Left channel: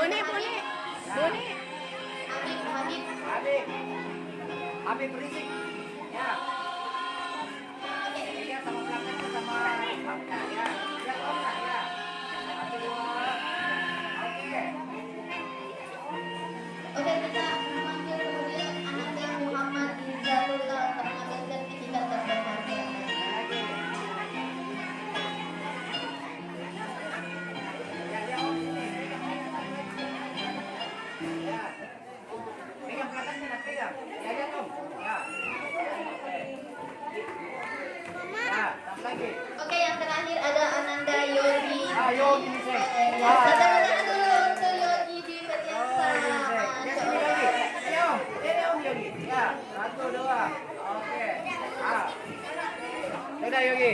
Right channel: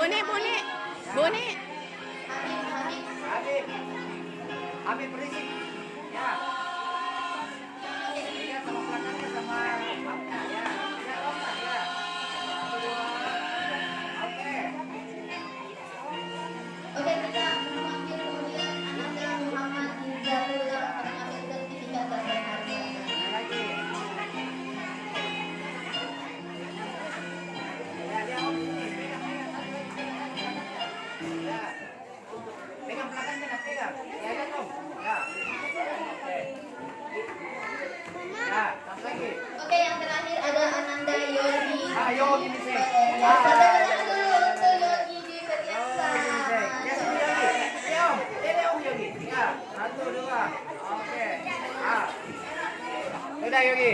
Bone, bone, bone. Habib. Habib berisik. Ya. Ini sama pelatihnya sama Hamka ya. Ya, Hamka ya. Satu, dua. Oke. Oke, kita memanggil kemudian ada Muhammad Hidayatullah mengambil sertifikat dan berharga. Lagi. Ya, ya, Om. Ya. Pegang belakangnya, nak pegang. Ya, ya, Om. Ya. Oke. Ya, tambah lagi. Oke, yang terakhir ada Ananda Yogi. Ayo, gini sih. Ya, saudara dulu untuk Yogi di Oh, gini Petiasa. sih. Ya, sini Yogi. Ini Om. Ini Om Yogi. Ya, satu, dua. Oke. Ah. Udah Yogi.